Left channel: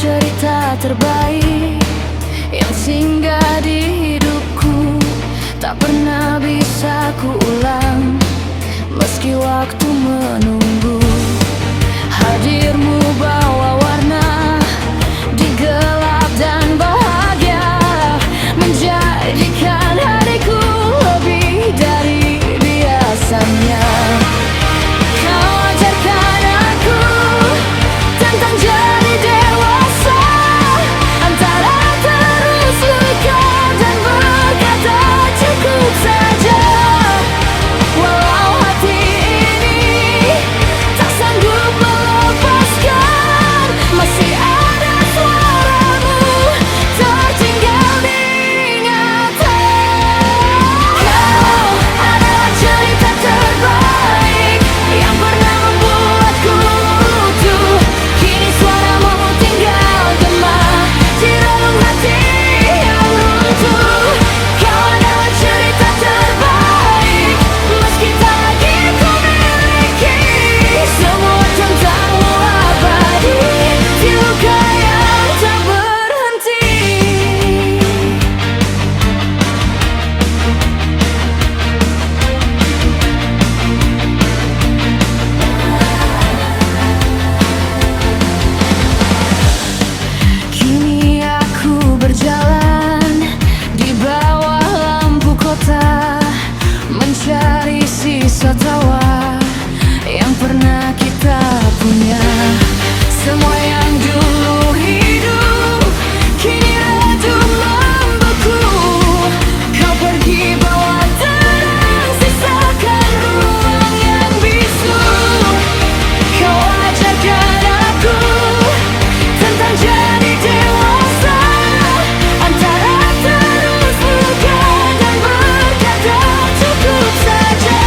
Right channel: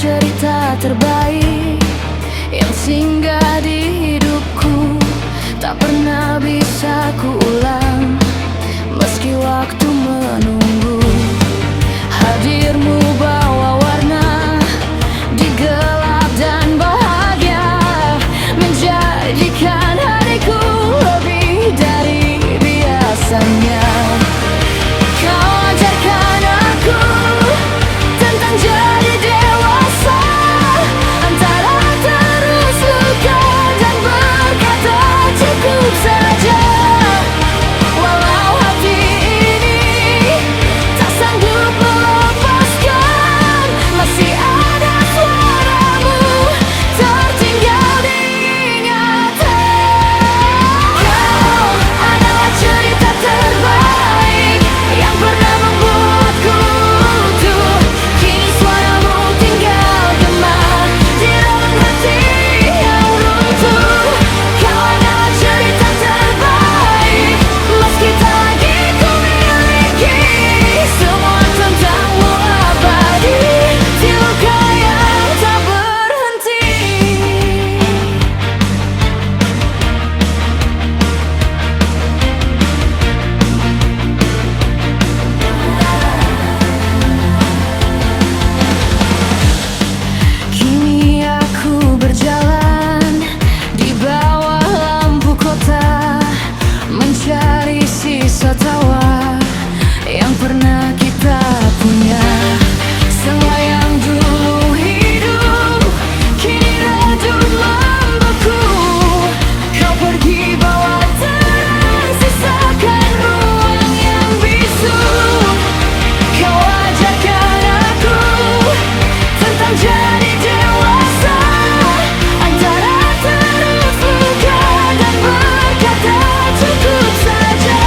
cerita terbaik yang singgah di hidupku, tak pernah bisa kuulang meski waktu menunggu. Hadirmu bawa warna di gelap dan bahagia, menjadikan hariku lebih dari biasanya. Kau ajarkan aku tentang jadi dewasa, antara terus luka dan berkata cukup saja. Walau hati ini tak sanggup melepaskan, masih ada suaramu tertinggal di ingatan. Kau adalah cerita terbaik yang pernah membuatku utuh. Kini suaramu tinggal gema di relung hati yang runtuh. Kau adalah cerita terbaik meski tak lagi ku miliki semua tentangmu abadi di luka yang tak berhenti. Kini aku berjalan di bawah lampu kota, mencari sisa tawa yang pernah kita punya. Semua yang dulu hidup kini redup membeku. Kau pergi bawa terang, sisakan ruang yang bisu. Kau ajarkan aku tentang jadi dewasa, antara terus luka dan berkata cukup saja.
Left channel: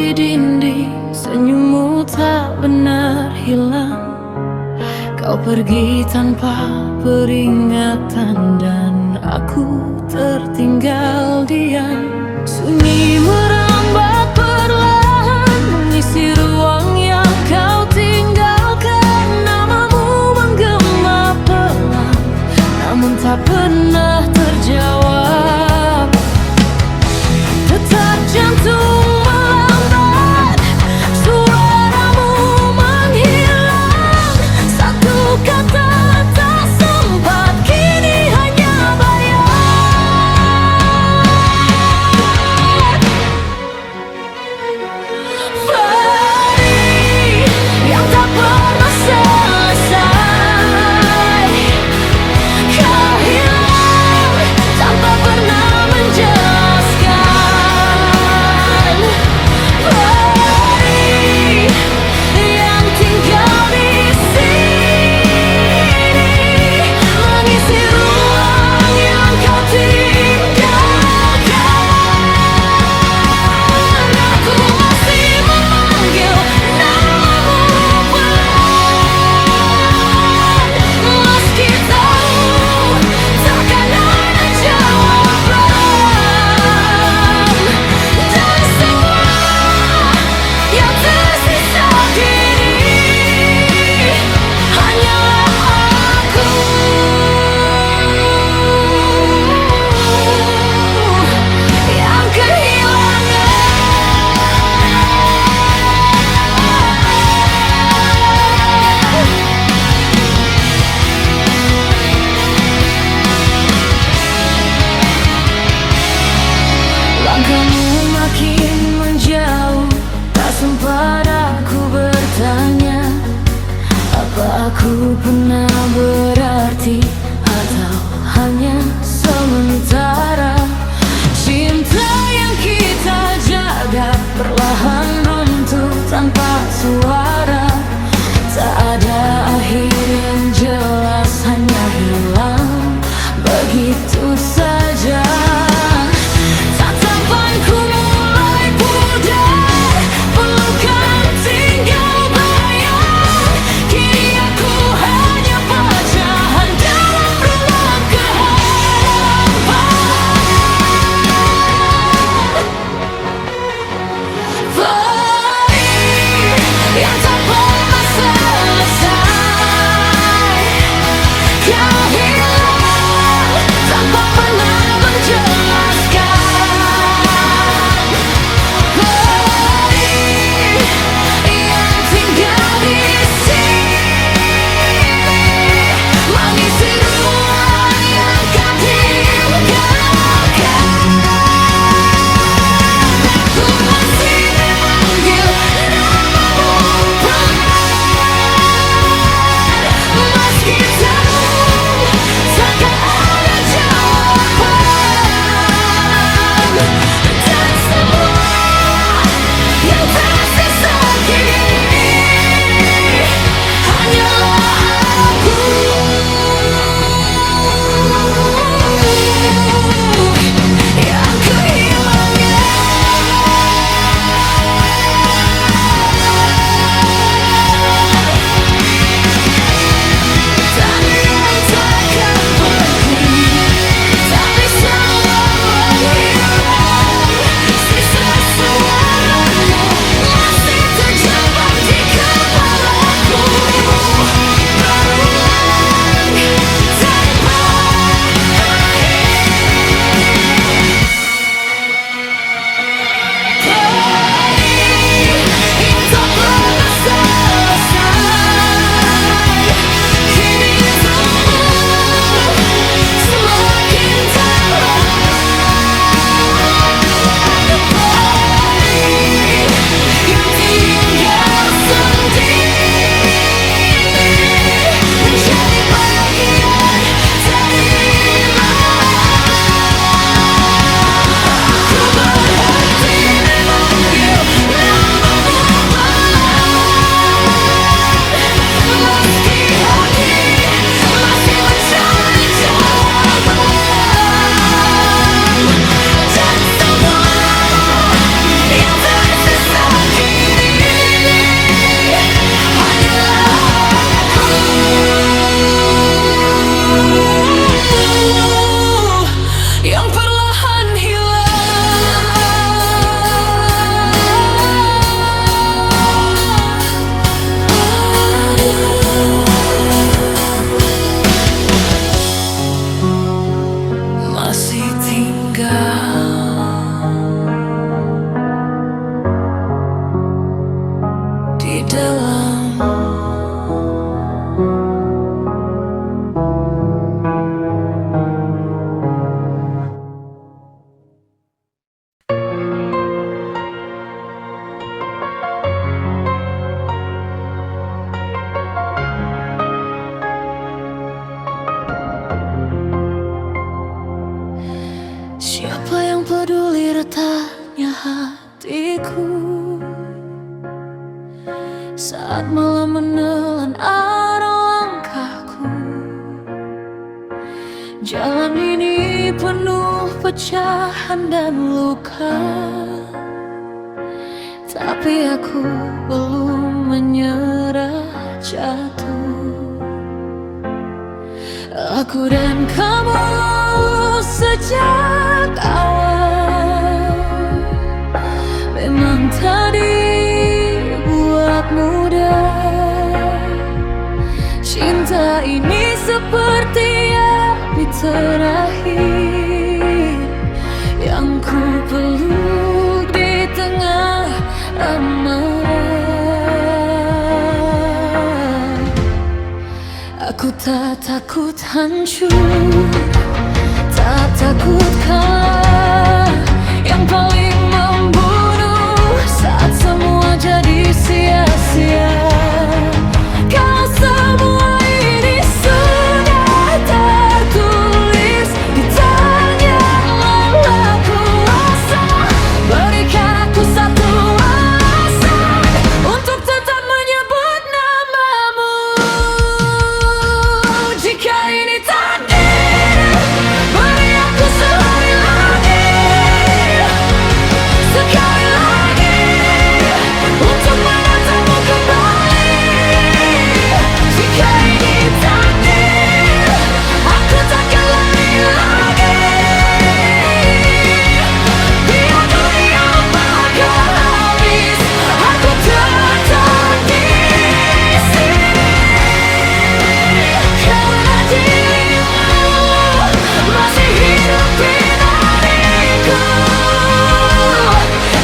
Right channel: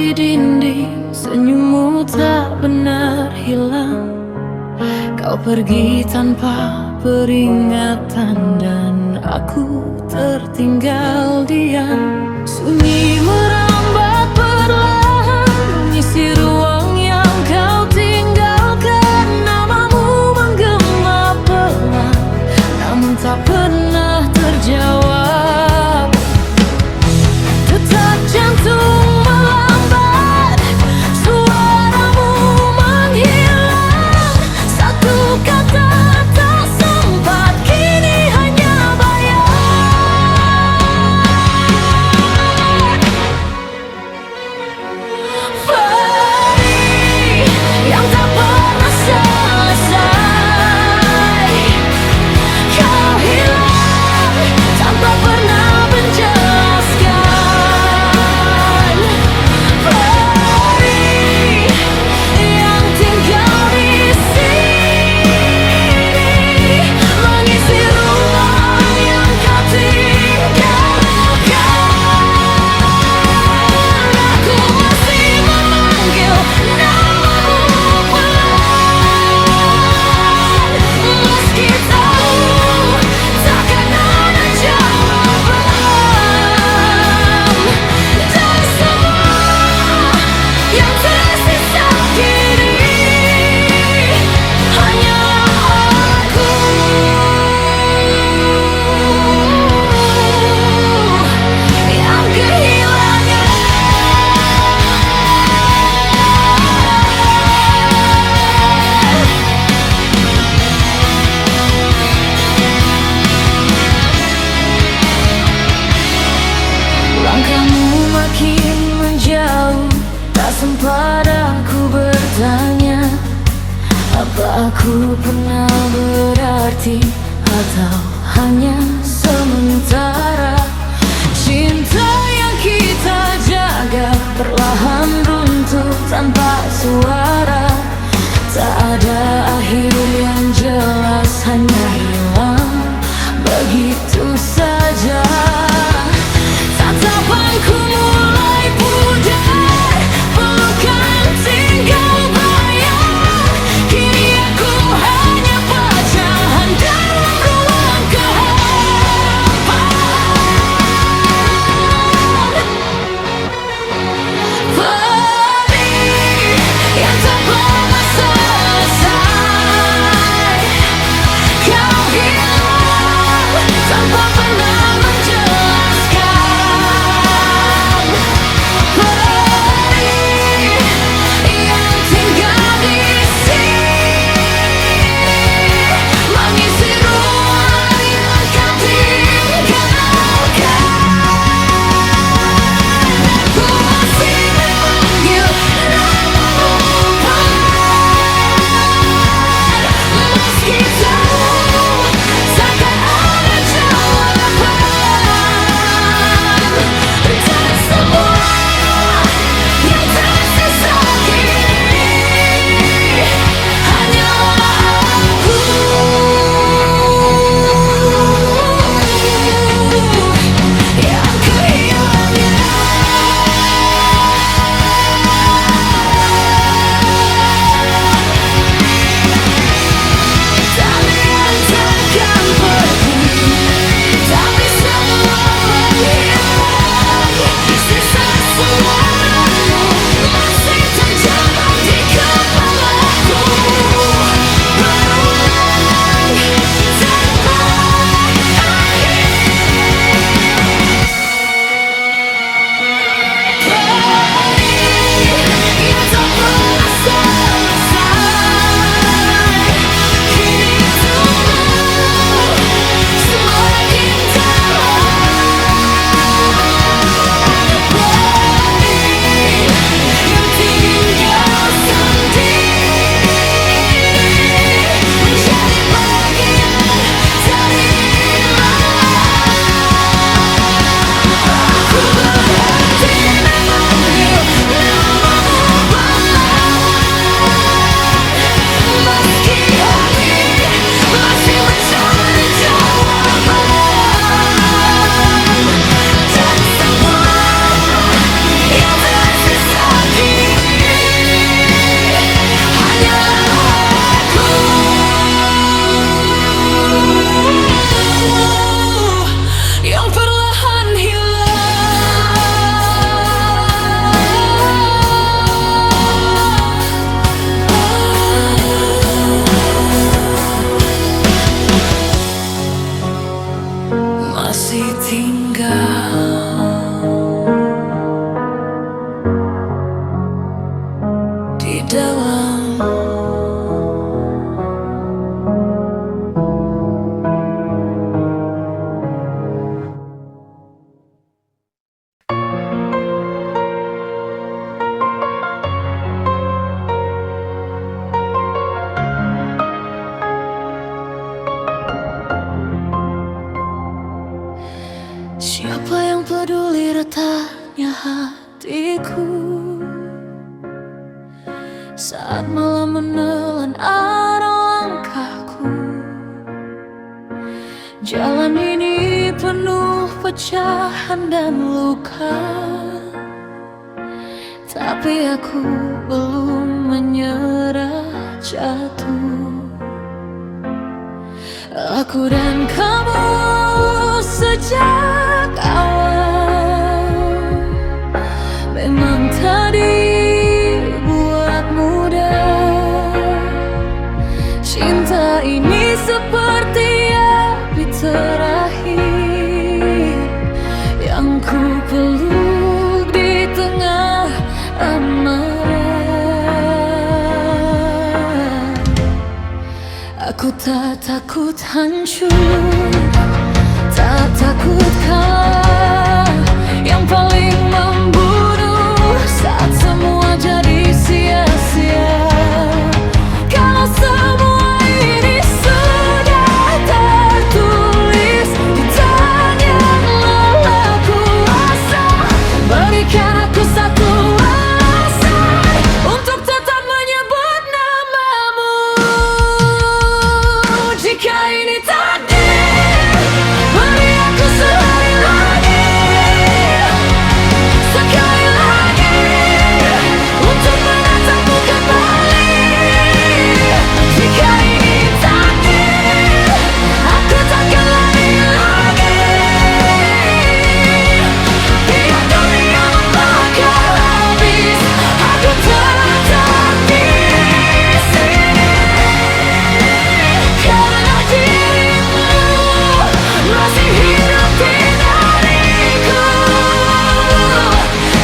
di dinding, senyummu tak benar hilang. Kau pergi tanpa peringatan dan aku tertinggal diam. Sunyi merambat perlahan, mengisi ruang yang kau tinggalkan. Namamu menggema pelan, namun tak pernah terjawab. Detak jantung melambat, suaramu menghilang. Satu kata tak sempat, kini hanya bayang. Perih yang tak pernah selesai, kau hilang tanpa pernah menjelaskan. Perih yang tinggal di sini, mengisi ruang yang kau tinggalkan. Aku masih memanggil namamu pelan, meski tahu takkan ada jawaban. Dan semua yang tersisa kini hanyalah aku yang kehilangan. Langkahmu makin menjauh, tak sempat aku bertanya, apa aku pernah berarti atau hanya sementara. Cinta yang kita jaga perlahan runtuh tanpa suara. Tak ada akhir yang jelas, hanya hilang begitu saja. Tatapanku mulai pudar, pelukan tinggal bayang. Kini aku hanya pecahan dalam ruang kehampaan. Perih yang tak pernah selesai, kau hilang tanpa pernah menjelaskan. yang peduli retaknya hatiku saat malam menelan arah langkahku. Jalan ini penuh pecahan dan luka, tapi aku belum menyerah jatuh. Aku dan kamu sejak awal memang tak dibuat mudah. Cinta ini seperti api terakhir yang ku peluk di tengah amarah. Aku tak takut hancur, tak takut kalah. Yang paling membunuh saat semua jadi sia-sia. Kalau semua ini sudah tertulis di tangan lelah kuasa, berikan aku satu alasan untuk tetap menyebut namamu. Jika ini takdir, beri aku sehari lagi, sekali lagi, untuk menatapmu kembali. Jika ini takdir, aku takkan lari lagi. Biar dunia membakar habis, aku tetap di sini. Karena dirimu masih hidup di dariku,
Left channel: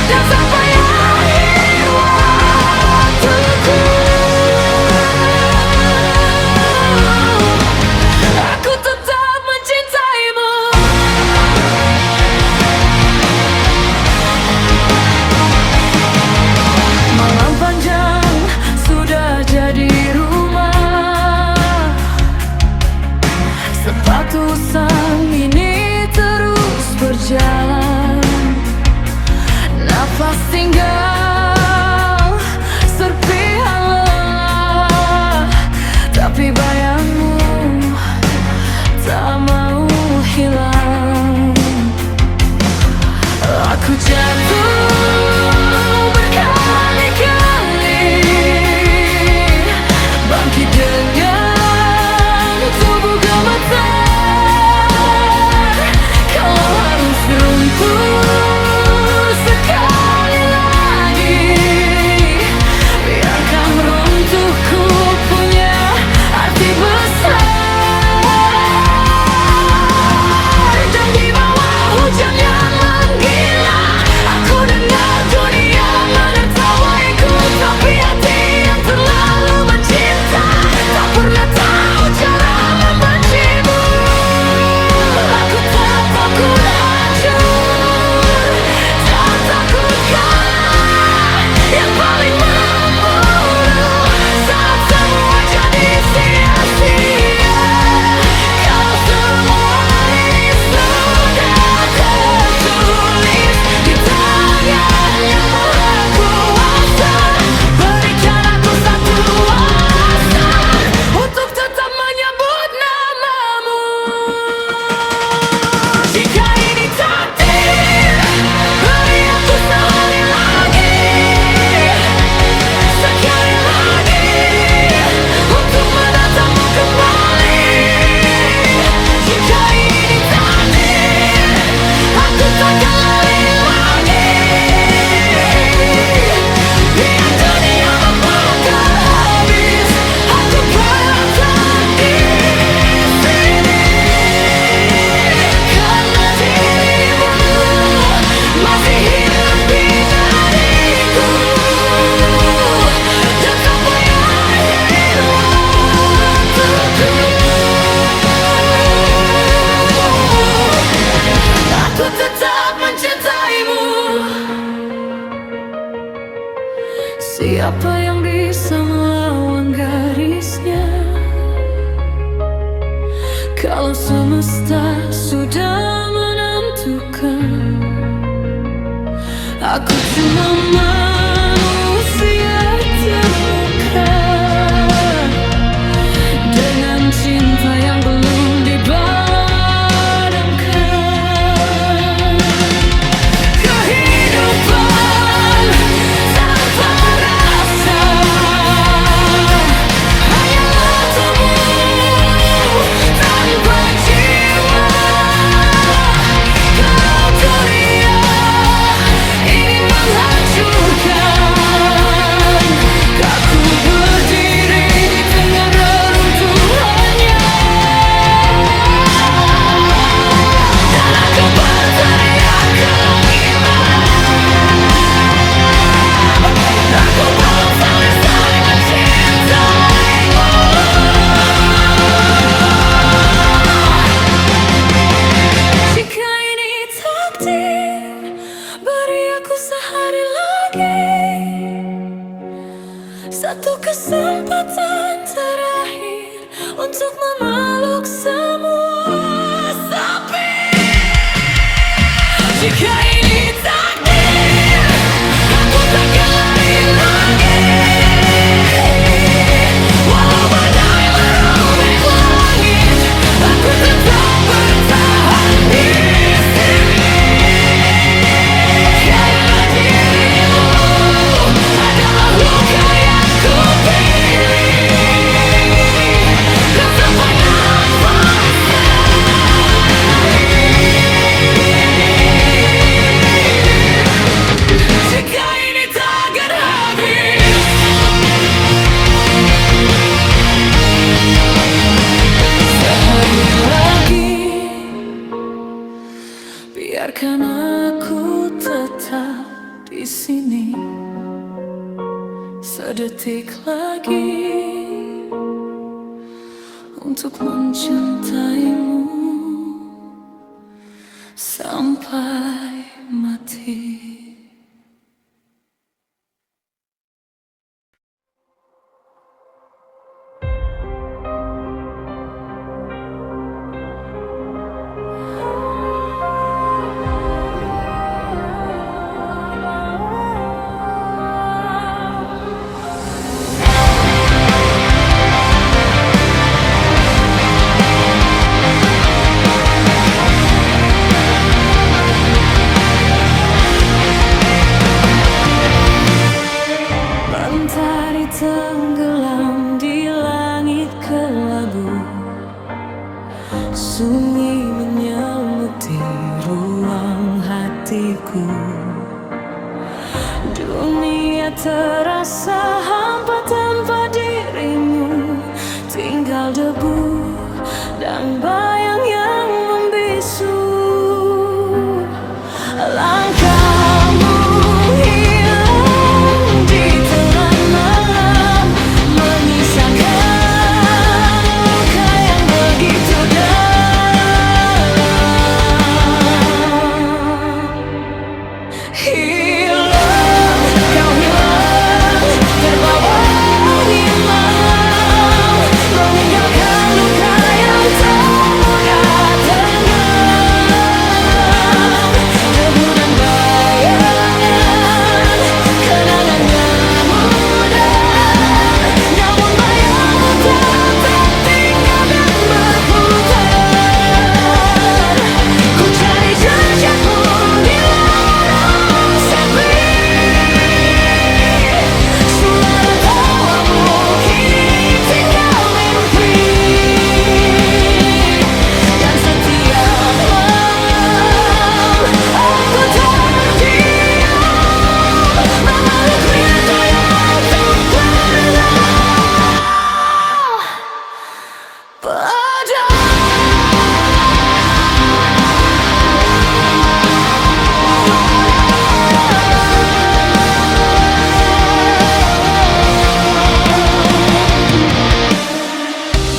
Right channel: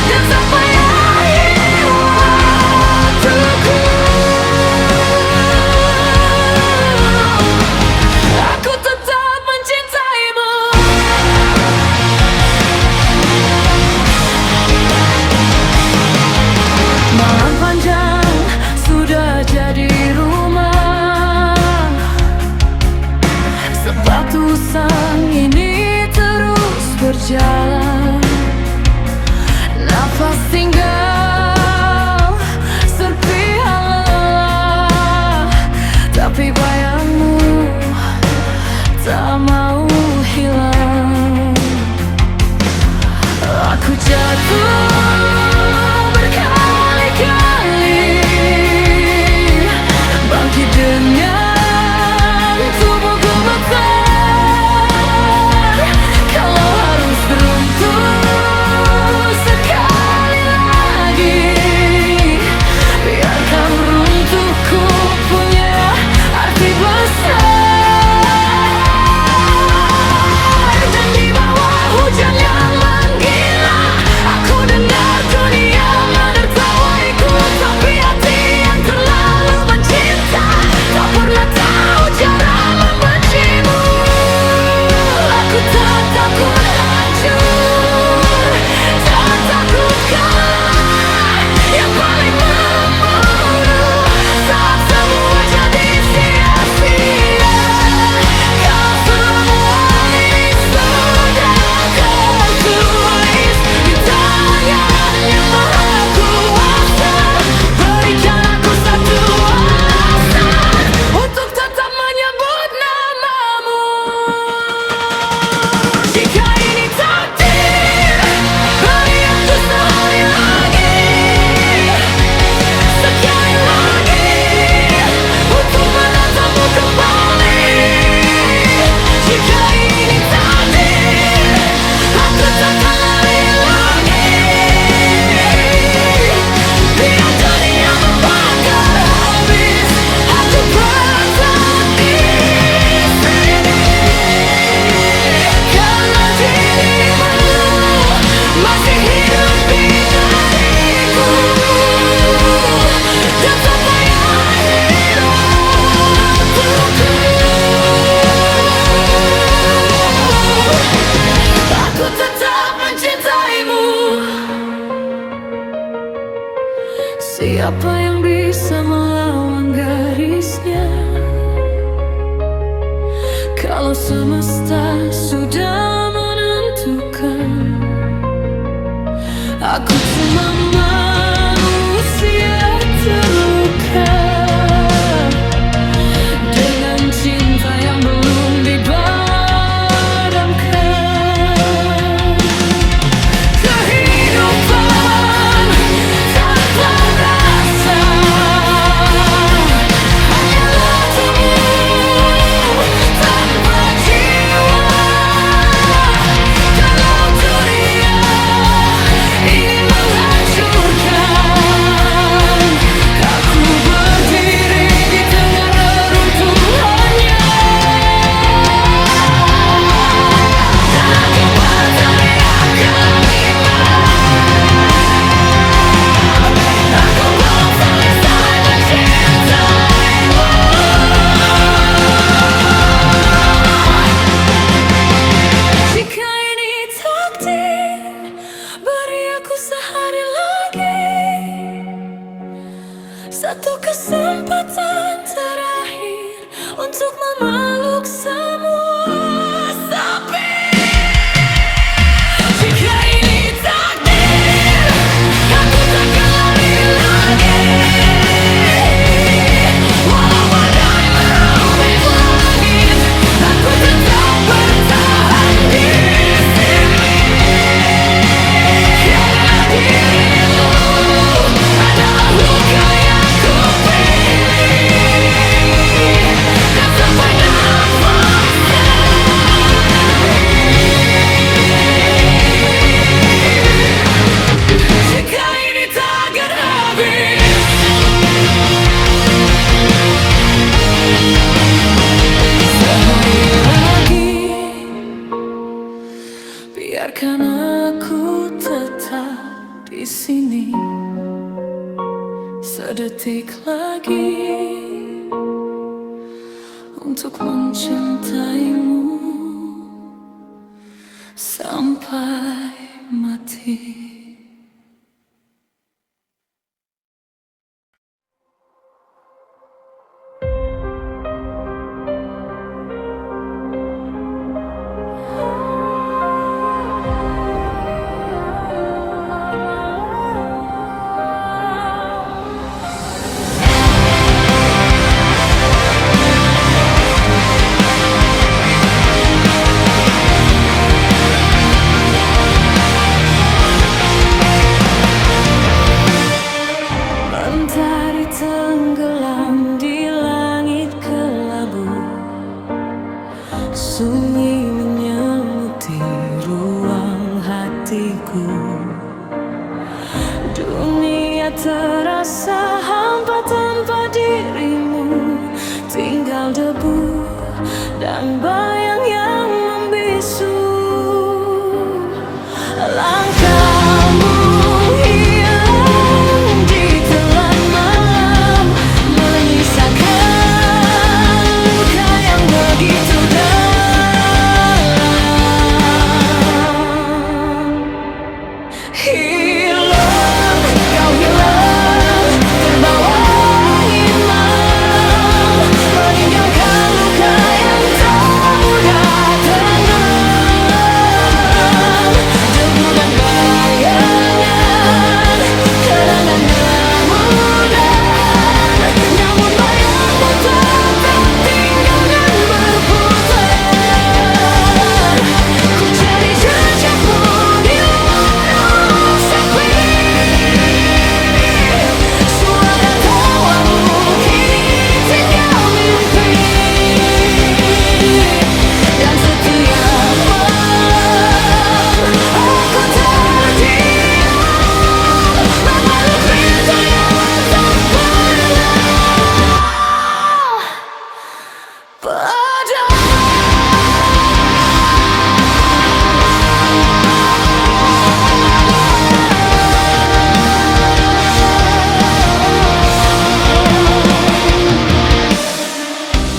dan sampai akhir waktuku, aku tetap mencintaimu. Malam panjang sudah jadi rumah, sepatu sang ini terus berjalan. Nafas tinggal serpihan lelah, tapi bayangmu tak mau hilang. Aku jatuh berkali-kali, bangkit dengan tubuh gemetar. Kalau harus runtuh sekali lagi, biarkan runtuhku punya arti besar. Dan di bawah hujan yang menggila, aku dengar dunia menertawaiku. Tapi hati yang terlalu mencinta tak pernah tahu cara membencimu. Aku tak takut hancur, tak takut kalah. Yang paling membunuh saat semua jadi sia-sia. Kalau semua ini sudah tertulis di tangan yang maha kuasa, berikan aku satu alasan untuk tetap menyebut namamu. Jika ini takdir, beri aku sehari lagi, sekali lagi, untuk menatapmu kembali. Jika ini takdir, aku takkan lari lagi. Biar dunia membakar habis, aku tetap di sini. Karena dirimu masih hidup di dariku, dan sampai akhir waktuku, aku tetap mencintaimu. Siapa yang bisa melawan garisnya? Kalau semesta sudah menentukan, butuhkan. Aku cuma manusia terluka dengan cinta yang belum dipadamkan. Kehidupan tanpa rasa hanyalah tubuh tanpa jiwa. Kalau dunia ingin menghancurkan, aku berdiri di tengah reruntuhannya. Dan aku berteriak ke langit, aku belum selesai mencintaimu. Jika ini takdir, beri aku sehari lagi, satu kesempatan terakhir untuk memeluk semua sepi. Jika ini takdir, aku takkan lari lagi, walau badai merobek langit, aku tetap bertahan di sini. Karena dirimu adalah luka yang kupilih, dan sampai nafas terakhir. Jika ini takkan habis, sehari lagi, biarkan aku tetap di sini. Sedetik lagi untuk mencintaimu sampai mati. Mentari tenggelam di langit kelabu, sunyi menyelimuti ruang hatiku. Dunia terasa hampa tanpa dirimu, tinggal debu dan bayang yang membisu. Langkahmu hilang di telan malam, menyisakan luka yang begitu dalam. Hilang, kau hilang, terbawa angin malam, meninggalkan luka yang tak mudah tenggelam. Debu dan bayangan, kenangannya mudah, namun bayangmu tetap tinggal dan berputar. Ku cari jejakmu di lorong sepi, suara tawamu kini tinggal mimpi. Dan setiap malam aku terdiam, memeluk rindu yang tak pernah padam.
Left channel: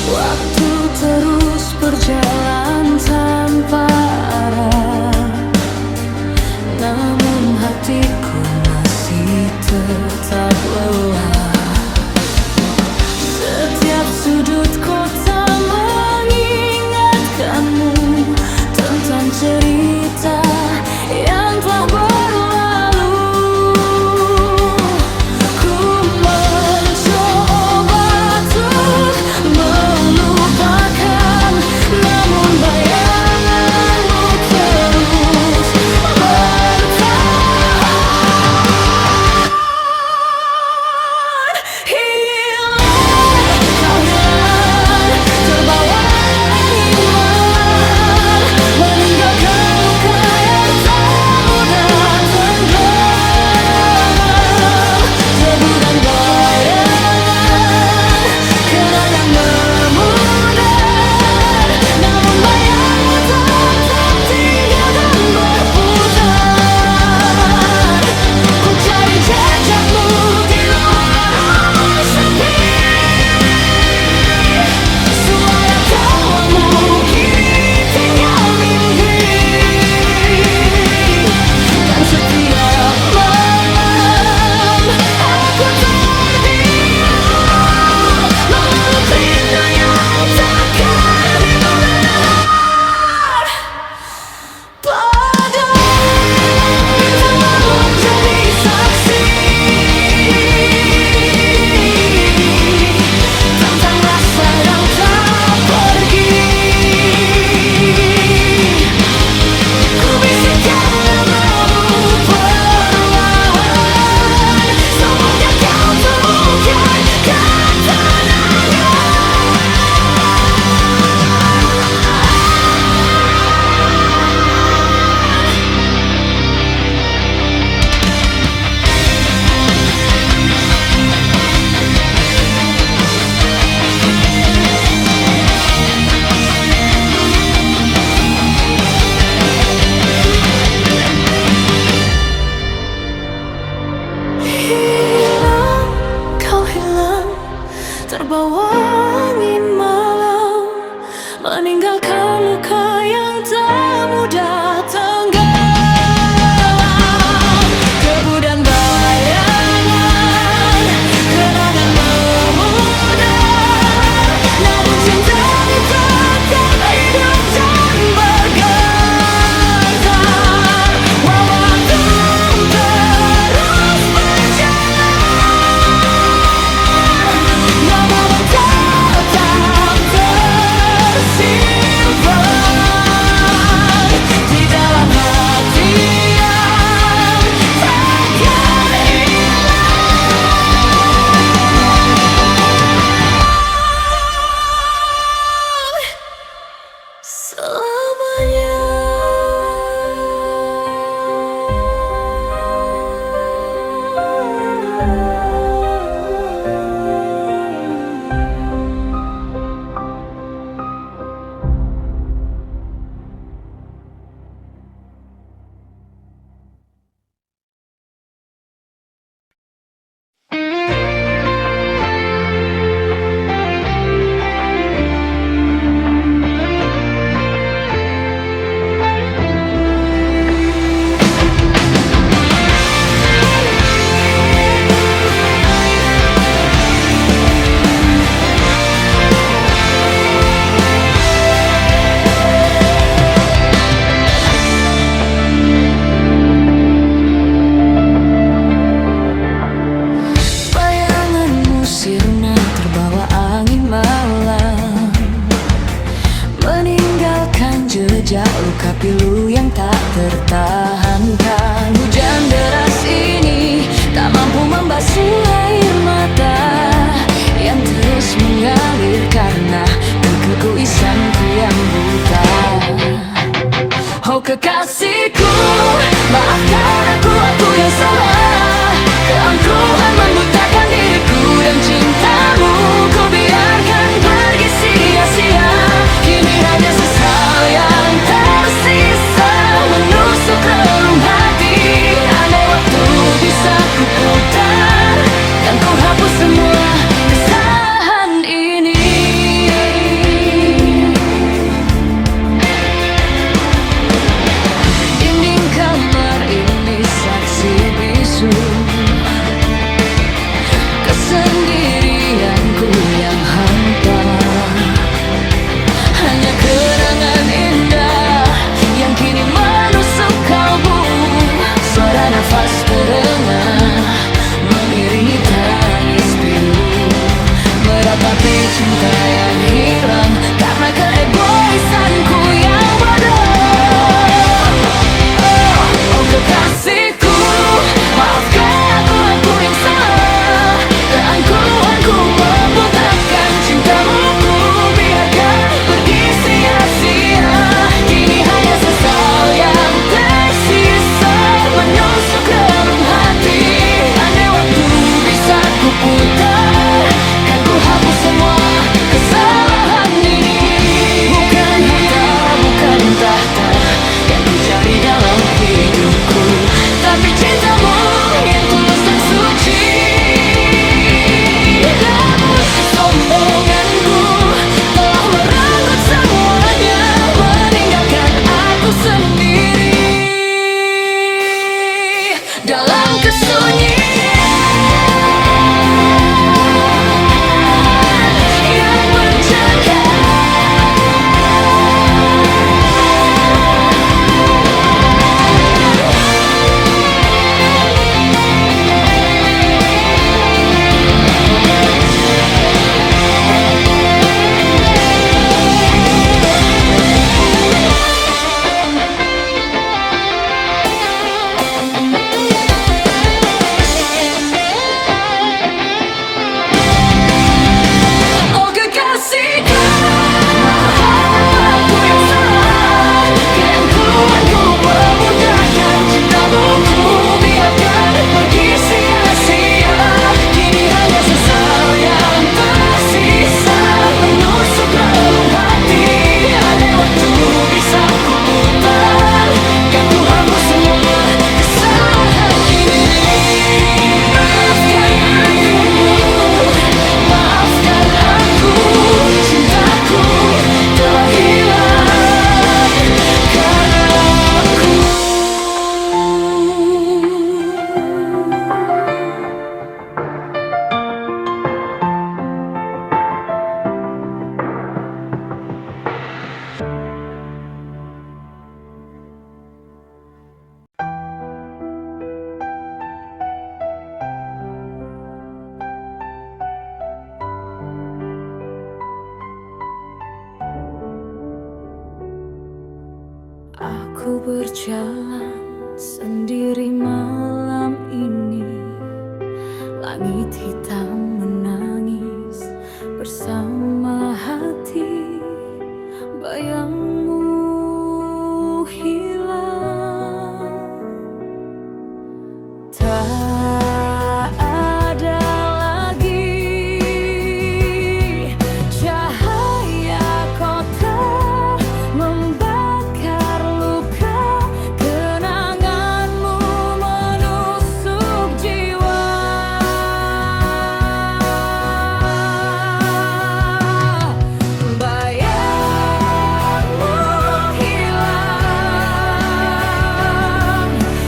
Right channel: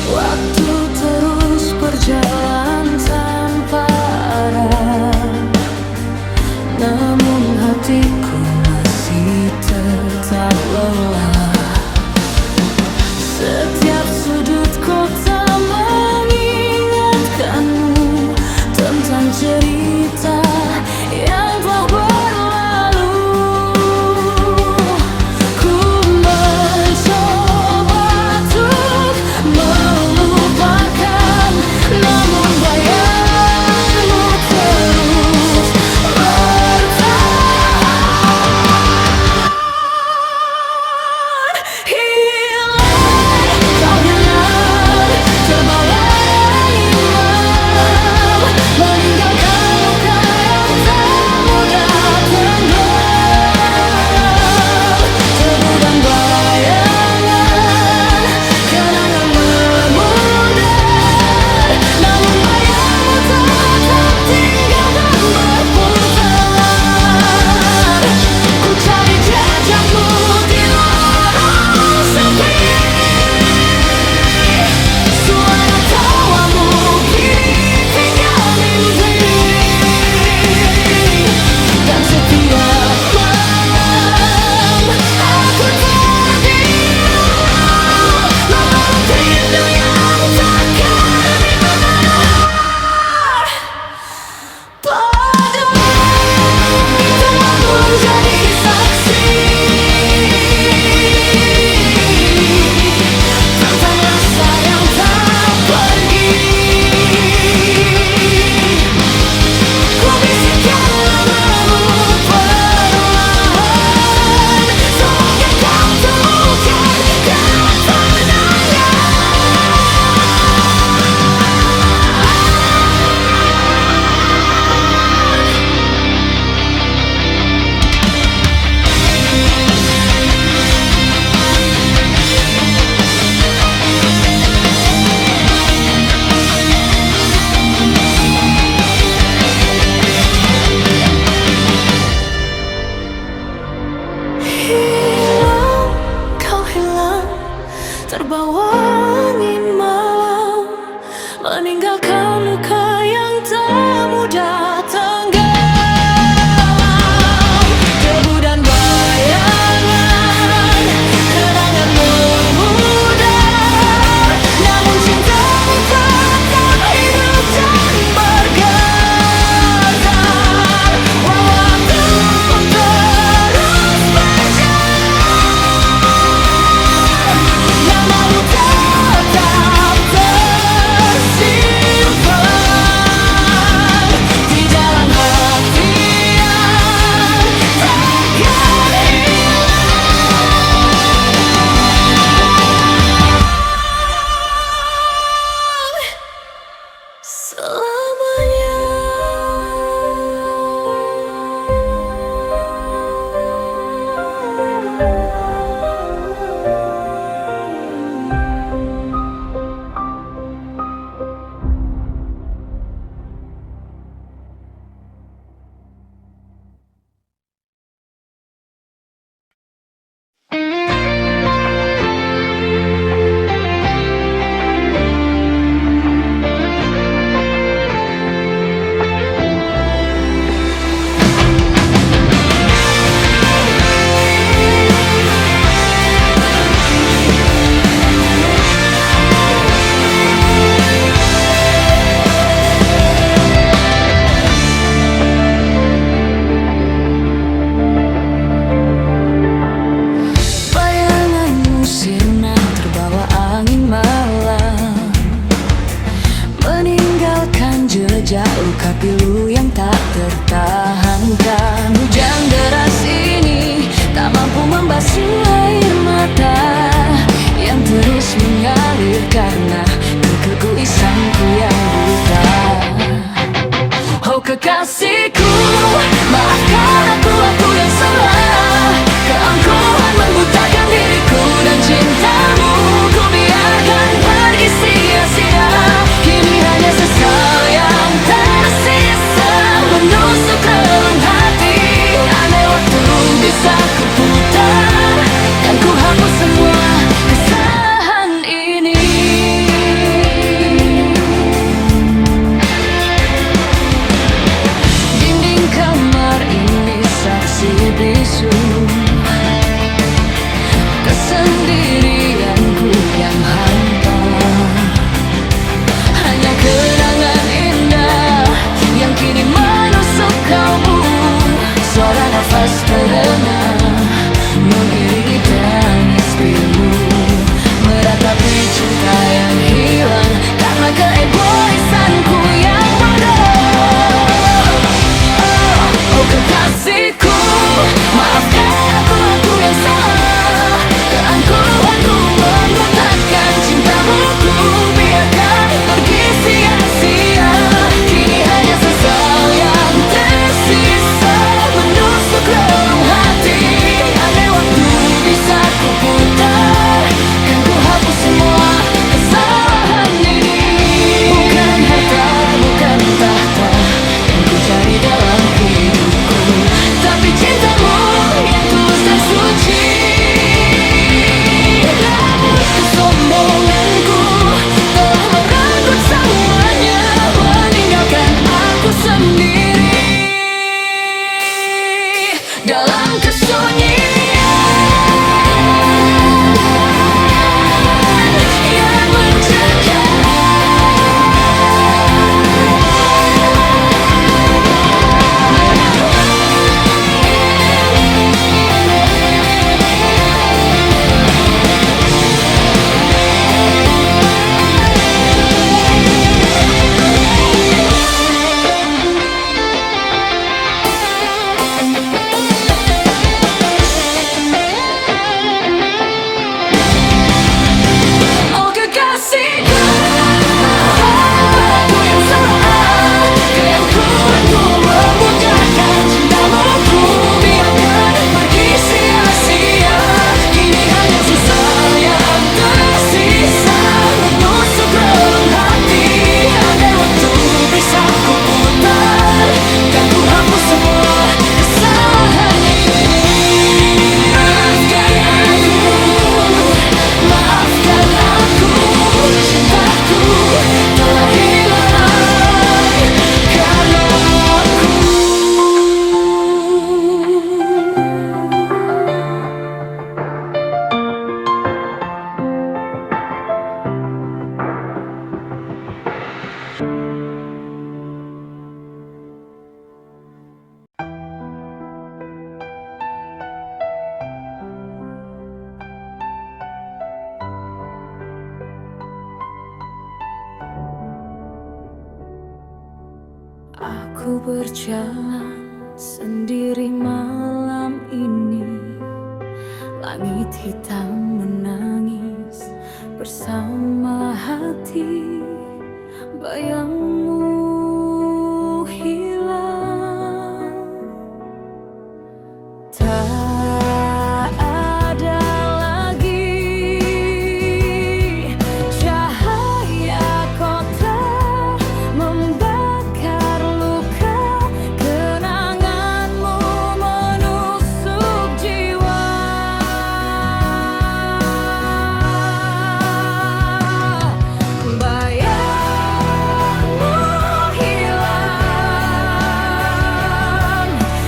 Waktu terus berjalan tanpa arah, namun hatiku masih tetap lelah. Setiap sudut kota mengingatkanmu, mantan cerita yang telah berlalu. Ku mencoba untuk melupakan, namun bayangmu terus bertahan. Hilang, kau hilang, terbawa angin malam, meninggalkan luka yang tak mudah tenggelam. Debu dan bayangan, kenangan memudar, namun bayangmu tetap tinggal dan berputar. Ku cari jejakmu di lorong sepi, suara tawamu kini tinggal mimpi. Dan setiap malam aku terdiam, memeluk rindu yang takkan mengenal. Pada bintang malam jadi saksi tentang rasa yang tak pergi. Ku bisikkan namamu perlahan, semoga kau temukan ketenangan. Hilang, kau hilang, terbawa angin malam, meninggalkan luka yang tak mudah tenggelam. Debu dan bayangan, kenangan memudar, namun cintamu tetap hidup dan bergetar. Waktu terus berjalan, namamu tetap tersimpan di dalam hati yang takkan hilang selamanya. Bayanganmu sirna terbawa angin malam, meninggalkan jejak luka pilu yang tak tertahankan. Hujan deras ini tak mampu membasuh air mata yang terus mengalir karena keegoisanku yang buta. Oh kekasihku, maafkan aku yang salah. Keangkuhan membutakan diriku dan cintamu ku biarkan pergi sia-sia. Kini hanya sesal yang tersisa menusuk relung hati. Andai waktu bisa ku putar, kan ku hapus semua kesalahan ini. Dinding kamar ini saksi bisu kesendirianku yang hampa. Hanya kenangan indah kini menusuk kalbu. Suara nafas terengah mengiringi tangis pilu, meratapi cinta yang hilang karena keegoisanku yang bodoh. Oh kekasihku, maafkan aku yang salah. Keangkuhanku membutakan cintamu, ku biarkan pergi sia-sia. Kini hanya sesal yang tersisa menusuk relung hati. Andai waktu bisa ku putar, kan ku hapus semua kesalahan ini. Bukan harta, bukan tahta yang ku cari dalam hidupku, tapi cintamu yang tulus dan suci. Namun kesombonganku telah merenggut semuanya, meninggalkan aku sendiri dalam kesunyian yang mencekam. Oh kekasihku, maafkan aku yang salah. Keangkuhanku membutakan cintamu, ku biarkan pergi sia-sia. Kini hanya sesal yang tersisa menusuk relung hati. Andai waktu bisa ku putar, kan ku hapus semua kesalahan ini. Maafkan aku, cintaku telah hilang karena aku. Aku berjalan sendiri malam ini. Langit hitam menangis bersama hati. Bayangmu hilang, tak ada lagi cahaya kota membakar luka. Kenanganmu menusuk jiwa. Bayangmu hilang,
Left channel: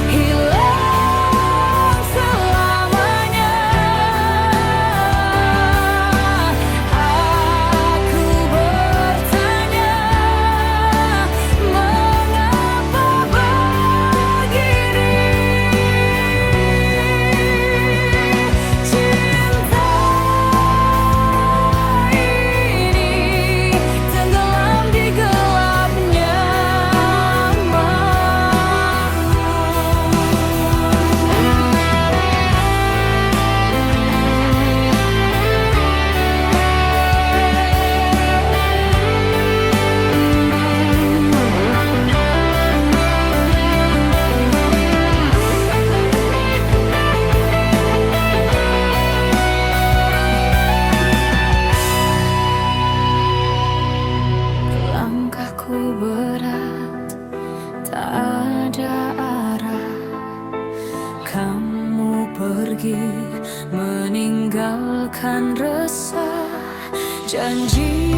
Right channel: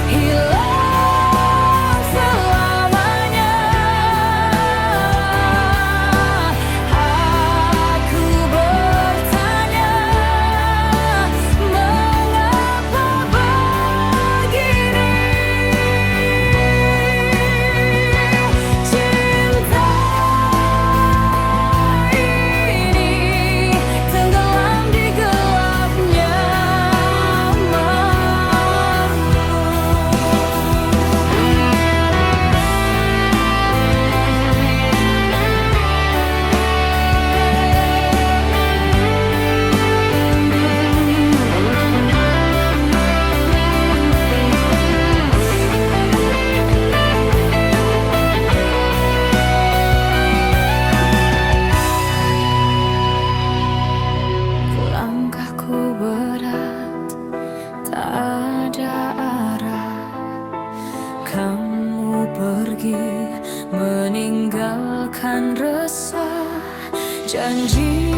hilang selamanya. Aku bertanya, mengapa begini? Cinta ini tenggelam di gelapnya malam. Langkahku berat, tak ada arah. Kamu pergi meninggalkan resah. Janji